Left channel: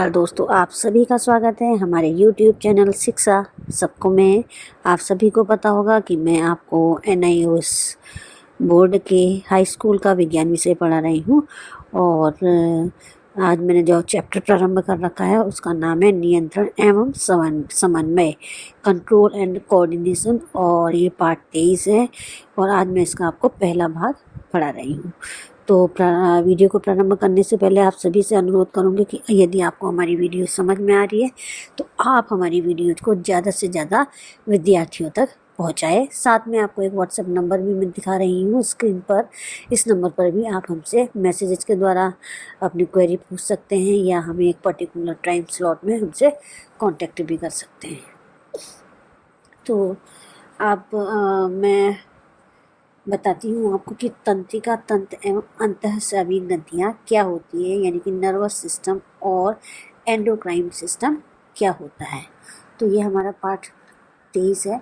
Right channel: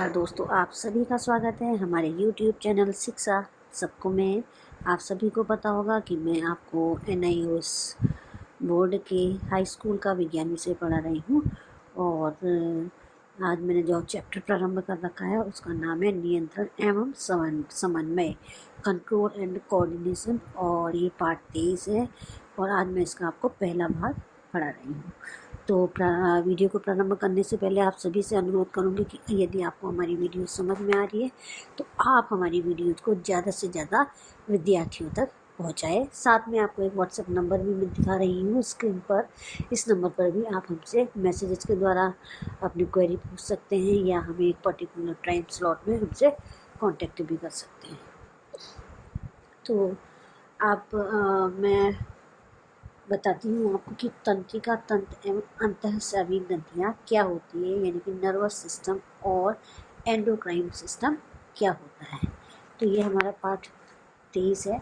नमस्कार दोस्तों, आप सभी का स्वागत है हमारे YouTube चैनल शिक्षा सबको में। आप सभी को पता होगा कि मैं आपको NIOS बोर्ड के हाई स्कूल का विज्ञान विषय पढ़ा रही हूँ और आज मैंने जो चैप्टर प्रारंभ कर रखा है उसका नाम है नियंत्रण एवं समन्वय, कंट्रोल एंड कोऑर्डिनेशन, और ये पार्ट 23 है और आज मैं इसका आपको पहला भाग पढ़ा रही हूँ। तो वीडियो को प्रारंभ करने से पहले आप सभी से अनुरोध करूंगी कि यदि आपको हमारी वीडियो समझ में आ रही है तो आप हमारी वीडियो को ज़्यादा से ज़्यादा विद्यार्थियों तक पहुंचाएं। साथ में आपको एक व्हाट्सएप नंबर भी मैं दिखा रही हूँ स्क्रीन पर। इस नंबर पर भी आप हमसे मैसेजेस के द्वारा अपनी क्वेरी पूछ सकते हैं या हमें एक पर्टिकुलर टाइम स्लॉट में हमसे कॉन्टेक्ट भी कर सकते हैं। तो आप मैं बताती हूँ आपको कि तंत्रिका तंत्र एवं अंतःस्रावी ग्रंथियाँ क्या होती है, यानी कि नर्वस सिस्टम और एंडोक्राइन सिस्टम क्या होता है। तो ये हमारा पार्ट 23 है,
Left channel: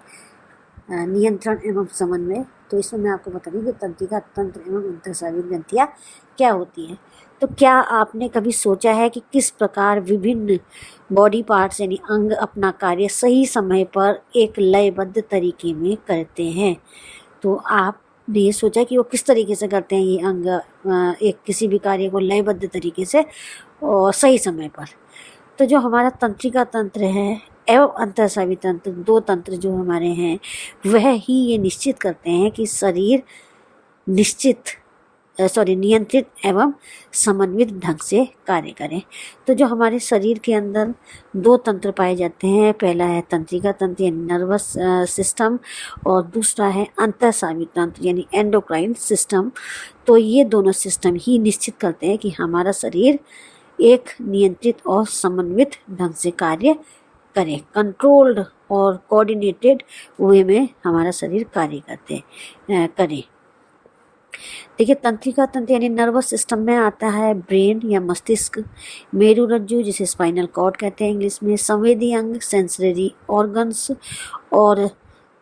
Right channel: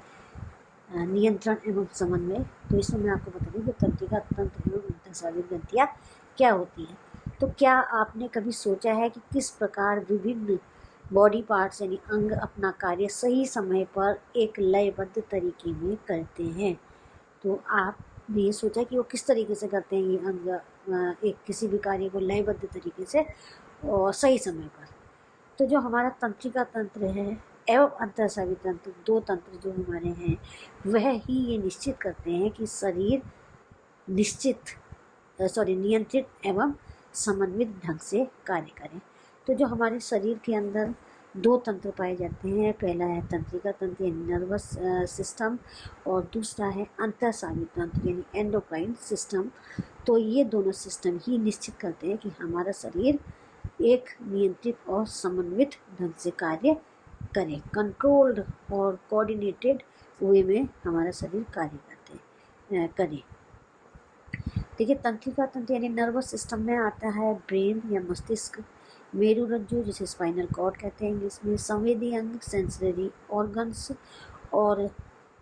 नियंत्रण एवं समन्वय। तो इसमें मैं आपको बता दूँ कि तंत्रिका तंत्र एवं अंतःस्रावी ग्रंथियाँ क्या होती है। तो क्या आपने कभी सोचा है कि किस प्रकार विभिन्न बॉडी पार्ट्स यानी अंग अपना कार्य सही समय पर एक लयबद्ध तरीके में करते हैं। तो आपने ये सोचा कि वो किस तरीके से करते हैं ये अंग एक किसी भी कार्य को लयबद्ध तरीके से और सही समय पर। तो जो हमारा तंत्रिका तंत्र है एवं अंतःस्रावी तंत्र, दो तंत्र जो हमारे हैं, वह ही ये निश्चित करते हैं कि शरीर नियंत्रित एवं समन्वित ढंग से कार्य करें। तो जो हमारे शरीर के अंदर दो तंत्र पाए जाते हैं, पहला है तंत्रिका तंत्र यानी नर्वस सिस्टम और दूसरा है अंतःस्रावी तंत्र यानी एंडोक्राइन सिस्टम। तो ये दोनों सिस्टम ही निश्चित करते हैं कि हमारा शरीर एक नियंत्रित और समन्वित ढंग से कार्य करे, कंट्रोल्ड और कोऑर्डिनेटेड वे में हमारा शरीर कार्य करे। देखिए, तंत्रिका तंत्र यानी नर्वस सिस्टम में आता है ब्रेन या मस्तिष्क, मेरुरज्जु जिसे स्पाइनल कॉर्ड कहते हैं इंग्लिश में, संवेदी अंग सेंसरी ऑर्गन्स और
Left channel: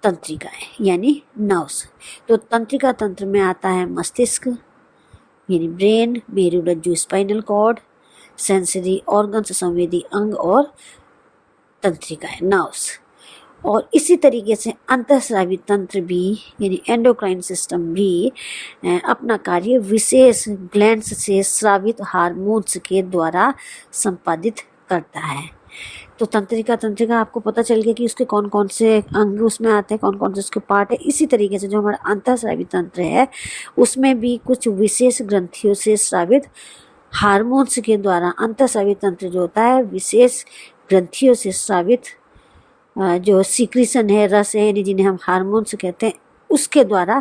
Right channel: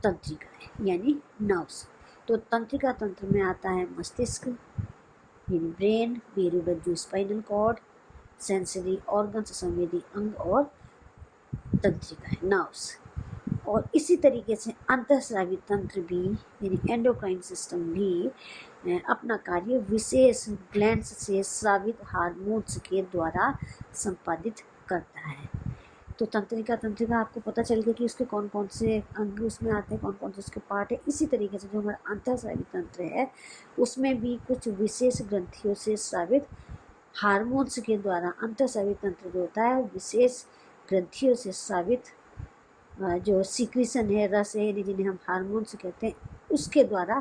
तंत्रिकाएं यानी नर्व्स। तो तंत्रिका तंत्र में आता है मस्तिष्क यानी ब्रेन, मेरुरज्जु स्पाइनल कॉर्ड, सेंसरी ऑर्गन्स संवेदी अंग और तंत्रिकाएं नर्व्स। और इसी तरीके से अंतःस्रावी तंत्र भी यानी एंडोक्राइन सिस्टम भी अपना कार्य विशेष ग्लैंड्स से स्रावित हार्मोन्स के द्वारा संपादित करता है। तो तंत्रिका आपको पता चल गया कि उसके कौन कौन से अंग उसमें आते हैं, कौन कौन से उसके पार्ट है। इसी तरीके से जो हमारा अंतःस्रावी तंत्र है उसमें भी कुछ विशेष ग्रंथियों से स्रावित हार्मोन्स के द्वारा, अंतःस्रावी तंत्र जो होता है विशेष ग्रंथियों से स्रावित जो सीक्रेशन है, रस है, यानी जिन्हें हम हार्मोन्स कहते हैं, उसके द्वारा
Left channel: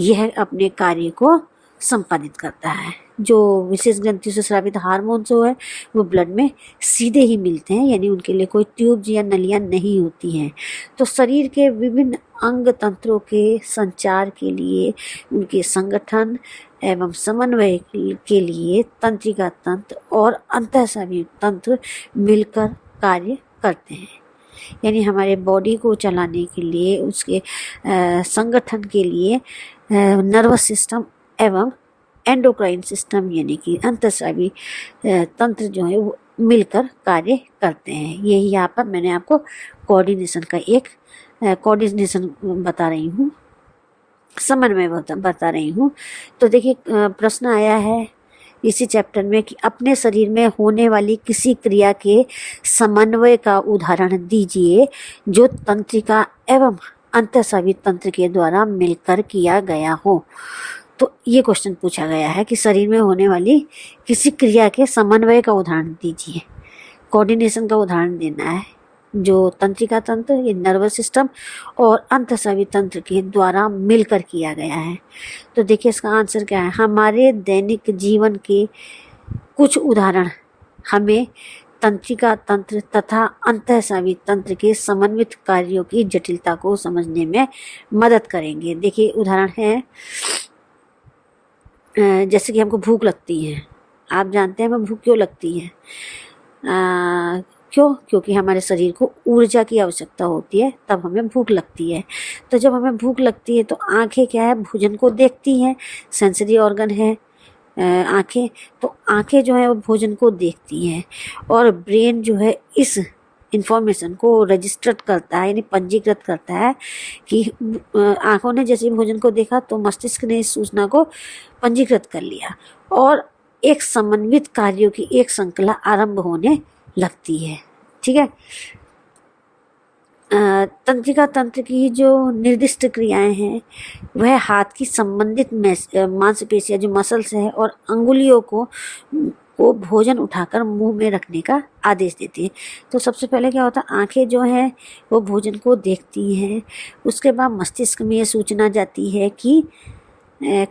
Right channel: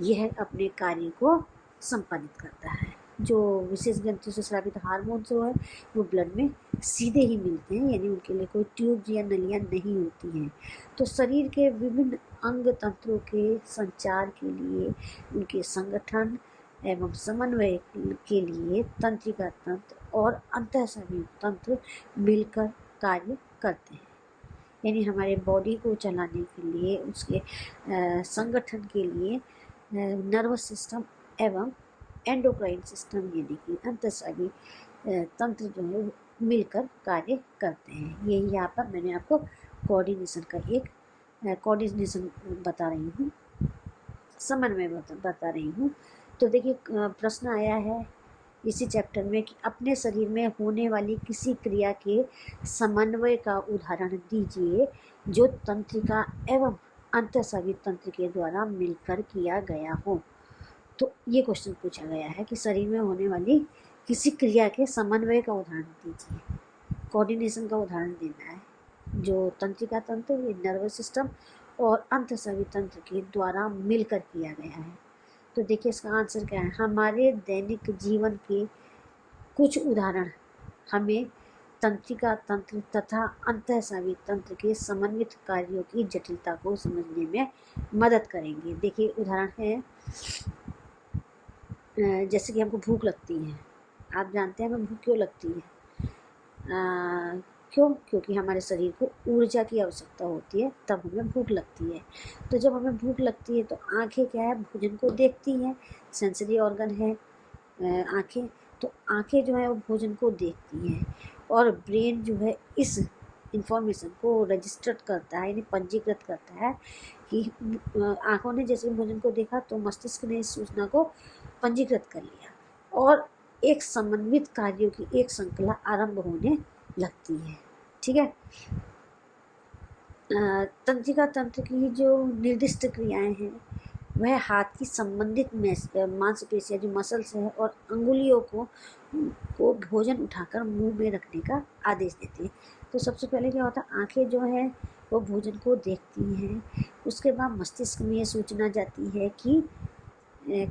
यह अपने कार्य को संपादित करता है। जो विशेष ग्रंथियों से स्रावित हार्मोन्स है वो ब्लड में सीधे ही मिलते हैं, यानी उनके लिए कोई ट्यूब्स या नलियाँ नहीं होती हैं। तो शरीर के विभिन्न अंग तंत्रों के संचार के लिए, उनके संगठन एवं समन्वय के लिए तंत्रिका तंत्र और अंतःस्रावी तंत्र मिलकर कार्य करते हैं। यानी हमारे बॉडी को चलाने के लिए, उसके संगठन के लिए नर्वस सिस्टम एवं एंडोक्राइन सिस्टम यानी कि अंतःस्रावी तंत्र जो है वो मिलकर कार्य करते हैं। यही यहाँ पर मैंने आपको कोऑर्डिनेशन का एक कोऑर्डिनेशन बता रही हूँ, समन्वय बता रही हूँ। तो देखिए, प्रश्न आया है इसी चैप्टर में कि अपने शरीर में होने वाली किसी क्रिया के समन्वय का उदाहरण दीजिए जो तंत्रिका एवं अंतःस्रावी तंत्र के द्वारा मिलकर किया गया हो। तो ये क्वेश्चन पूछा गया है कि शरीर में होने वाली किसी क्रिया के समन्वय का उदाहरण दीजिए, कोऑर्डिनेशन का उदाहरण देना है जो तंत्रिका तंत्र ये नर्वस सिस्टम और अंतःस्रावी तंत्र के द्वारा मिलकर किया गया है। तो देखिए इसका आंसर क्या है। हमारे दैनिक जीवन के कुछ उदाहरण हमें तंत्रिका तंत्र तथा अंतःस्रावी तंत्र के समन्वित कार्यों की जटिलता को समझने में मदद करेंगे। देखिए उदाहरण है, जैसे कि हमको भूख लगती है। आप जानते हैं हमें भूख क्यों लगती है? क्योंकि हमारे शरीर को ऊर्जा की आवश्यकता होती है, तब हमें भूख लगती है। तो जब हमें भूख लगती है तो आंखें क्या है, भोजन को देखती हैं, सेंसरी ऑर्गन है, आँखें, तो आँखें जो है वो भोजन को देखती हैं और ब्रेन जो है इस इन्फॉर्मेशन को रजिस्टर्ड करता है, यानी पंजीकृत करता है कि आँखों ने जैसे ही भोजन को देखा तो मस्तिष्क ने इस सूचना को पंजीकृत कर लिया और एक समन्वित कार्यों की एक श्रृंखला आरंभ होने लगती है। ठीक है। तंत्रिका तंत्र की जो निर्दिष्ट क्रियाएं हैं वह हाथ की संबंधित मांसपेशियां जो मसल्स हैं और अंगुलियों को भोजन उठाकर मुंह में रखने का आदेश देती है। तो सबसे पहले क्या होता है, आंखें जो हैं वो भोजन को देखती हैं, उसके बाद मस्तिष्क में ये सूचना जाती है कि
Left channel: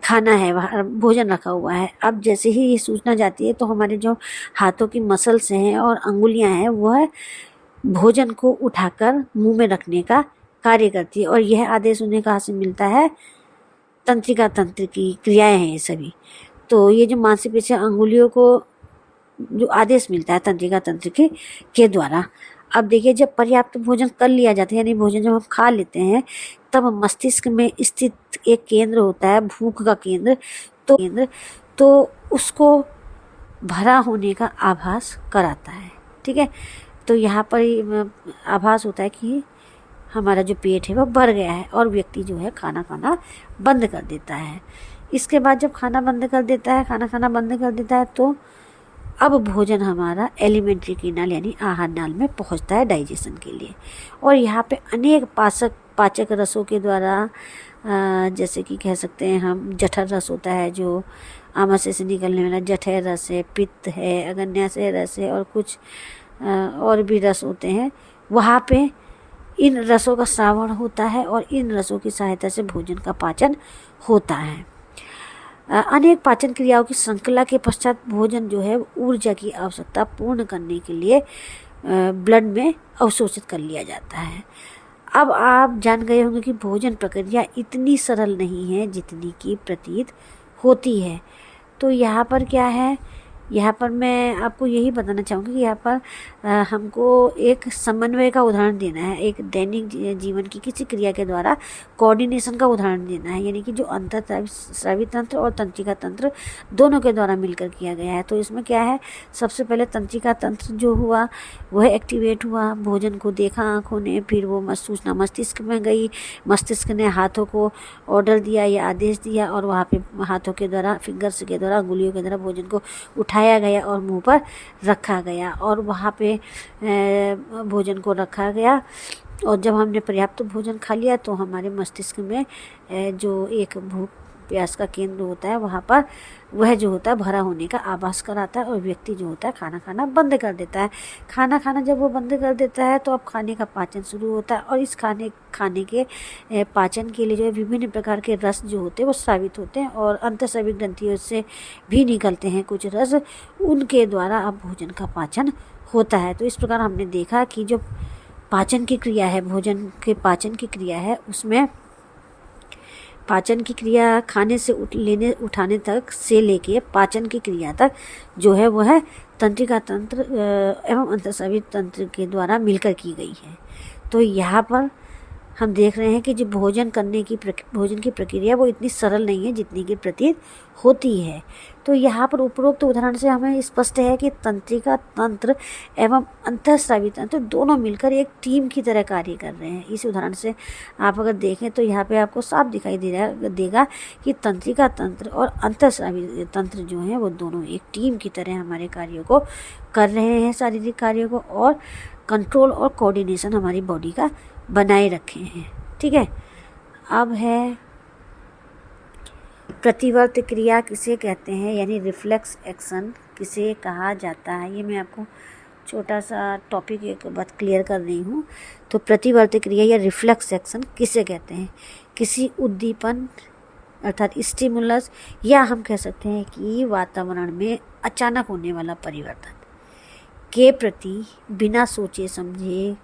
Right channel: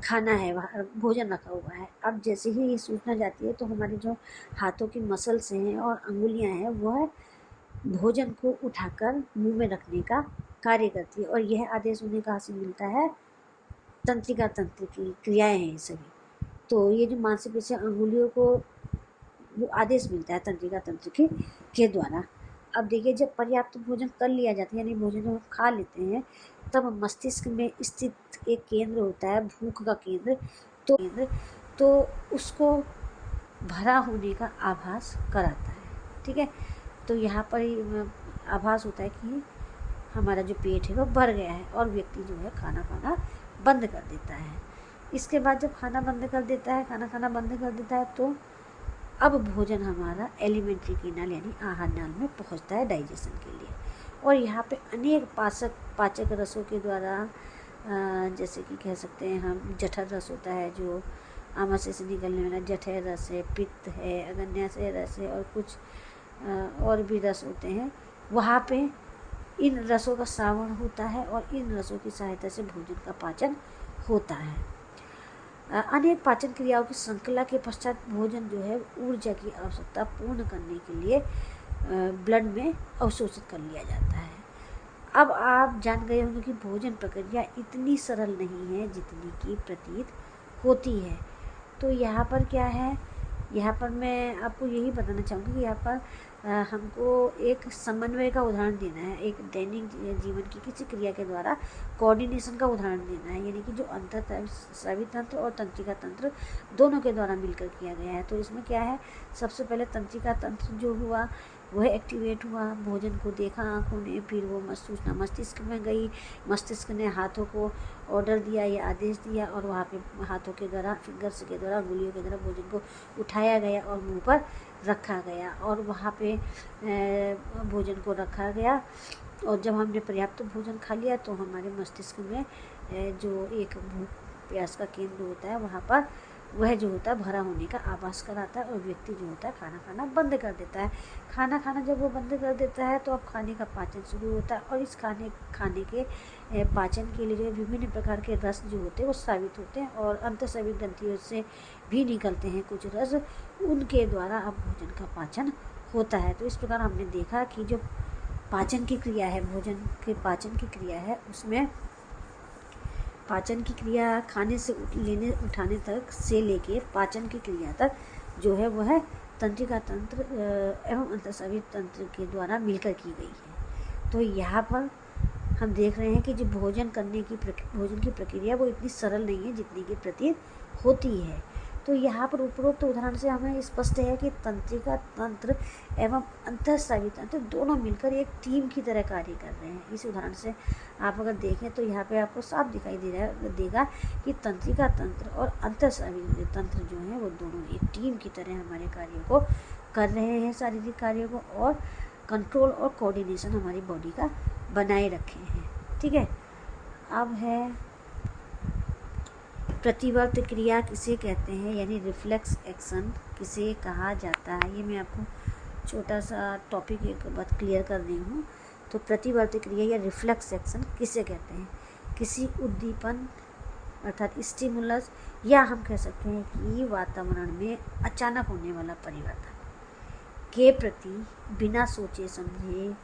खाना है, वहाँ भोजन रखा हुआ है। अब जैसे ही ये सूचना जाती है तो हमारे जो हाथों की मसल्स हैं और अंगुलियां हैं वह भोजन को उठाकर मुंह में रखने का कार्य करती है और यह आदेश उन्हें कहाँ से मिलता है, तंत्रिका तंत्र की क्रियाएं हैं ये सभी। तो ये जो मांसपेशियां अंगुलियों को जो आदेश मिलता है तंत्रिका तंत्र के द्वारा। अब देखिए, जब पर्याप्त भोजन कर लिया जाता है, यानी भोजन जब हम खा लेते हैं, तब मस्तिष्क में स्थित एक केंद्र होता है, भूख का केंद्र, तो उसको भरा होने का आभास कराता है। ठीक है। तो यहाँ पर आभास होता है कि हमारा जो पेट है वह भर गया है और व्यक्ति जो है खाना खाना बंद कर देता है। इसके बाद जब खाना खाना बंद कर देता है तो अब भोजन हमारा एलिमेंट्री कीनाल यानी आहार नाल में पहुंचता है डाइजेशन के लिए। और यहाँ पे अनेक पाचक रसों के द्वारा, जैसे कि कह सकते हैं हम, जठर रस होता है जो आमाशय से निकलने वाला, जठर रस है, पित्त है, अग्न्याशय रस है और कुछ और भी रस होते हैं। वहाँ पे इन रसों का श्रावण होता है और इन रसों की सहायता से भोजन का पाचन होता है। अनेक पाचन क्रियाओं की श्रृंखला के पश्चात भोजन जो है ऊर्जा की आवश्यकता पूर्ण करने के लिए ब्लड में अवशोषित कर लिया जाता है। अब आप जान गए होंगे कि भोजन प्रक्रिया इतनी सरल नहीं है जितनी की प्रतीत होती है। तो यहाँ पर क्या है, यहाँ पर मैं आपको यही बताना चाहूँगी कि यहाँ पर हमको एक समन्वय का उदाहरण देना है, एक दैनिक जीवन की किसी क्रिया के द्वारा कोऑर्डिनेशन का उदाहरण देना है, यानी कि जो अंतःस्रावी तंत्र और तंत्रिका तंत्र दोनों के द्वारा मिलकर किया गया है। तो इसमें क्या है, सबसे पहले तंत्रिका तंत्र जो हुआ वह एक्टिवेट हुआ, भोजन को देखा आँखों ने, फिर वो सूचना मस्तिष्क में गई, मस्तिष्क ने हाथों को ऑर्डर दिया या आदेश दिया और वहाँ पे हाथों के द्वारा, फिंगर्स के द्वारा, अंगुलियों के द्वारा भोजन को उठाया गया और मुंह पर रखा गया और वहाँ पे भोजन को रखा गया। और जब हमने पर्याप्त भोजन खा लिया तो हमारे मस्तिष्क में जो एक भूख प्यास का केंद्र होता है वहाँ पर वह जो होता है भरा होने का आभास कराता है और व्यक्ति जो होता है खाना खाना बंद कर देता है। खाना खाना जब वो बंद कर देता है तो अब खाने का पाचन शुरू होता है और इस खाने के पाचन के लिए जो है विभिन्न प्रकार के रस जो होते हैं वो स्रावित होते हैं और अंतःस्रावी ग्रंथियों से भी निकलते हैं कुछ रस, उनके द्वारा अब भोजन का पाचन होता है। तो इस प्रकार हमने देखा कि जो पाचन की क्रिया है, भोजन के पाचन की क्रिया है, उसमें पाचन की क्रिया खाने से उठाने तक से लेके पाचन की क्रिया तक जो है वह तंत्रिका तंत्र एवं अंतःस्रावी तंत्र के द्वारा मिलकर की गई है। तो यहाँ पर हम देख रहे हैं कि जो भोजन की प्रक्रिया वो इतनी सरल नहीं है जितनी की प्रतीत होती है। तो यहाँ पर उपरोक्त उदाहरण से हमें स्पष्ट है कि तंत्रिका तंत्र एवं अंतःस्रावी तंत्र दोनों मिलकर एक टीम की तरह कार्य कर रहे हैं। इस उदाहरण से आप अगर देखें तो यहाँ पे आपको साफ दिखाई देगा कि तंत्रिका तंत्र और अंतःस्रावी तंत्र जो हैं वो दोनों एक टीम की तरह हमारे कार्यों को कर रहे हैं, शारीरिक कार्यों को, और कंट्रोल और कोऑर्डिनेशन हमारी बॉडी का बनाए रखे हैं। ठीक है। अब है प्रतिवर्त क्रिया किसे कहते हैं, यानी रिफ्लेक्स एक्शन किसे कहा जाता है। ये मैं आपको छोटा सा टॉपिक एक बात क्लियर कर रही हूँ। तो प्रतिवर्त क्रिया या रिफ्लेक्स एक्शन किसे कहते हैं, किसी उद्दीपन अर्थात स्टिमुलस, या हम कह सकते हैं कि वातावरण में अचानक होने वाला परिवर्तन के प्रति बिना सोचे समझे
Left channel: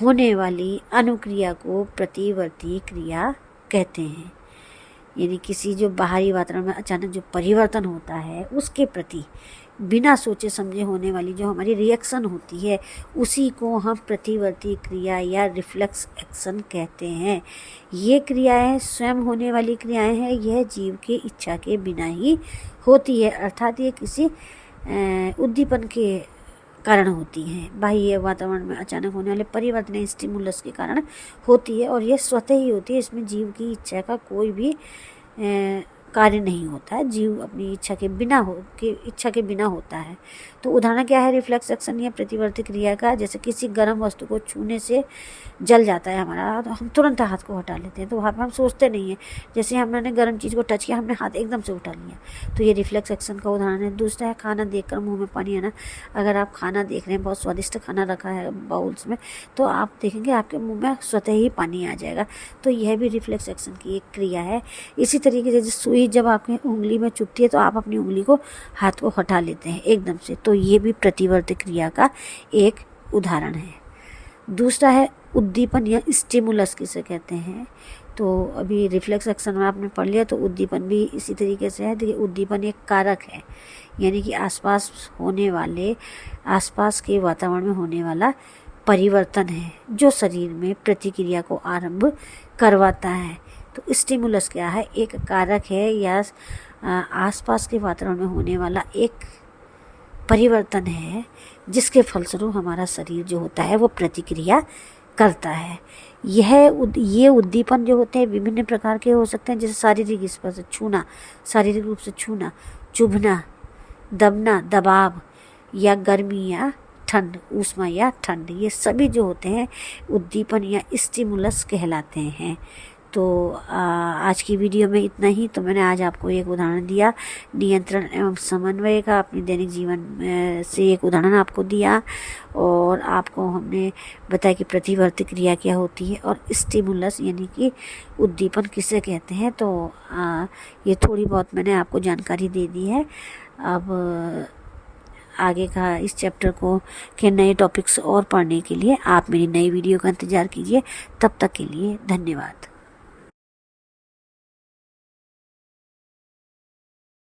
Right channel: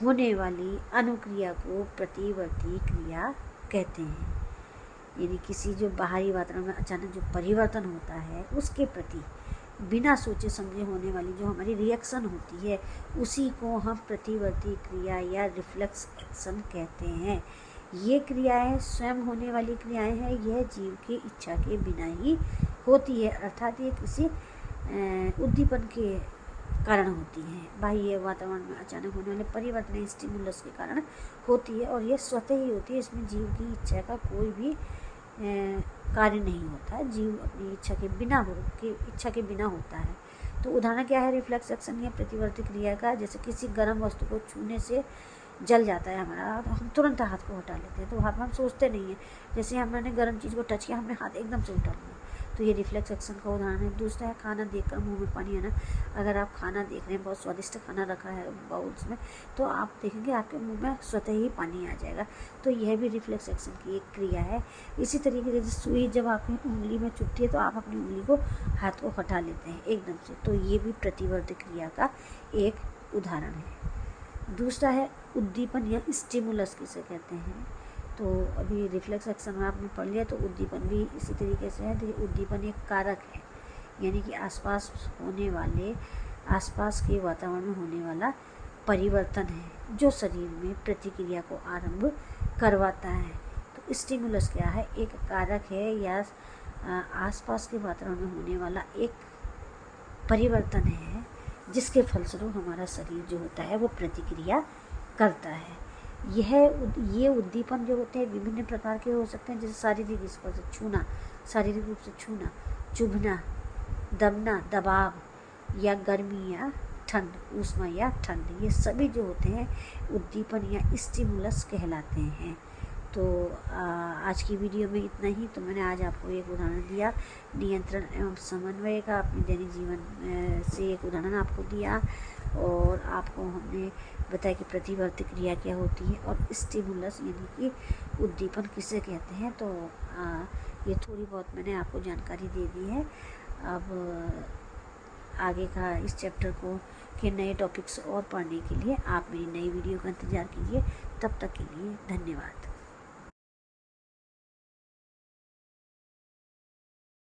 होने वाली अनुक्रिया को प्रतिवर्ती क्रिया कहते हैं। यानी किसी जो बाहरी वातावरण में अचानक जो परिवर्तन होता है उसके प्रति बिना सोचे समझे होने वाली जो हमारी रिएक्शन होती है उसी को हम प्रतिवर्ती क्रिया या रिफ्लेक्स एक्शन कहते हैं। ये क्रियाएं स्वयं होने वाली क्रियाएं हैं, यह जीव की इच्छा के बिना ही होती है, अर्थात ये किसी उद्दीपन के कारण होती हैं। बाह्य वातावरण में अचानक होने वाले परिवर्तन स्टिमुलस के कारण होती है और यह स्वतः ही होती है। इसमें जीव की इच्छा का कोई भी कार्य नहीं होता है, जीव अपनी इच्छा के बिना होता है। तो उदाहरण क्या है रिफ्लेक्स एक्शन या प्रतिवर्ती क्रिया का? जैसे किसी गर्म वस्तु को छूने से जल जाता है हमारा, तो हम तुरंत हाथ को हटा लेते हैं, तो वहाँ पर हम सोचते नहीं हैं। जैसे हमने गर्म चीज़ को टच किया, हमने हाथ एकदम से उठा लिया, तो ये रिफ्लेक्स एक्शन का उदाहरण है। दूसरा है खाना देखकर मुंह में पानी आना। अगर आप खाना देख रहे हैं, बहुत स्वादिष्ट खाना रखा है बाउल्स में, तो आप देखेंगे आपके मुंह में स्वतः ही पानी आ जाएगा, तो यह भी रिफ्लेक्स एक्शन की एक क्रिया है। इसी तरीके से सुई जब आपकी उंगली में चुभती है तो आप अपनी उंगली को हाथ को हटा लेते हैं एकदम से, तो ये भी प्रतिवर्ती क्रिया का एक उदाहरण है। दूसरा है उद्दीपन या स्टिमुलस किसे कहते हैं। तो अभी रिफ्लेक्स एक्शन में आपने पढ़ लिया, तो उद्दीपन भी इसी तरीके से है। देखिए उद्दीपन एक कारक है, यानी कि आसपास के वातावरण में होने वाला परिवर्तन है जो शरीर में प्रतिक्रिया को आरंभ करवाता है। तो स्टिमुलस क्या है? एक कारक है या आसपास के वातावरण में होने वाला एक परिवर्तन है जिसके फलस्वरूप हमारा शरीर जो होता है वो प्रतिक्रिया करता है। ये उद्दीपन जो होते हैं विभिन्न प्रकार के हो सकते हैं, जैसे शारीरिक स्पर्श, छूना, शारीरिक रूप से छूना, चुभना, दबना, दबाव, या गर्मी या ठंड, ऊष्मा या ठंड, ये सभी जो होते हैं उद्दीपन या स्टिमुलस कहलाते हैं। तो आज की वीडियो में इतना ही। तो मैंने आज आपको एक उदाहरण दिया नियंत्रण एवं समन्वय का, अपने दैनिक जीवन से एक उदाहरण आपको दिया, और आपको हमने बताया कि प्रतिवर्ती क्रिया क्या होती है और स्टिमुलस यानी कि उद्दीपन किसे कहते हैं। तो ये थोड़ी बहुत मैंने आपको जानकारी दे दी है। अब आगे का इस चैप्टर के नए टॉपिक्स और पढ़ने के लिए आप मेरी नई वीडियो का इंतज़ार कीजिए। तब तक के लिए धन्यवाद।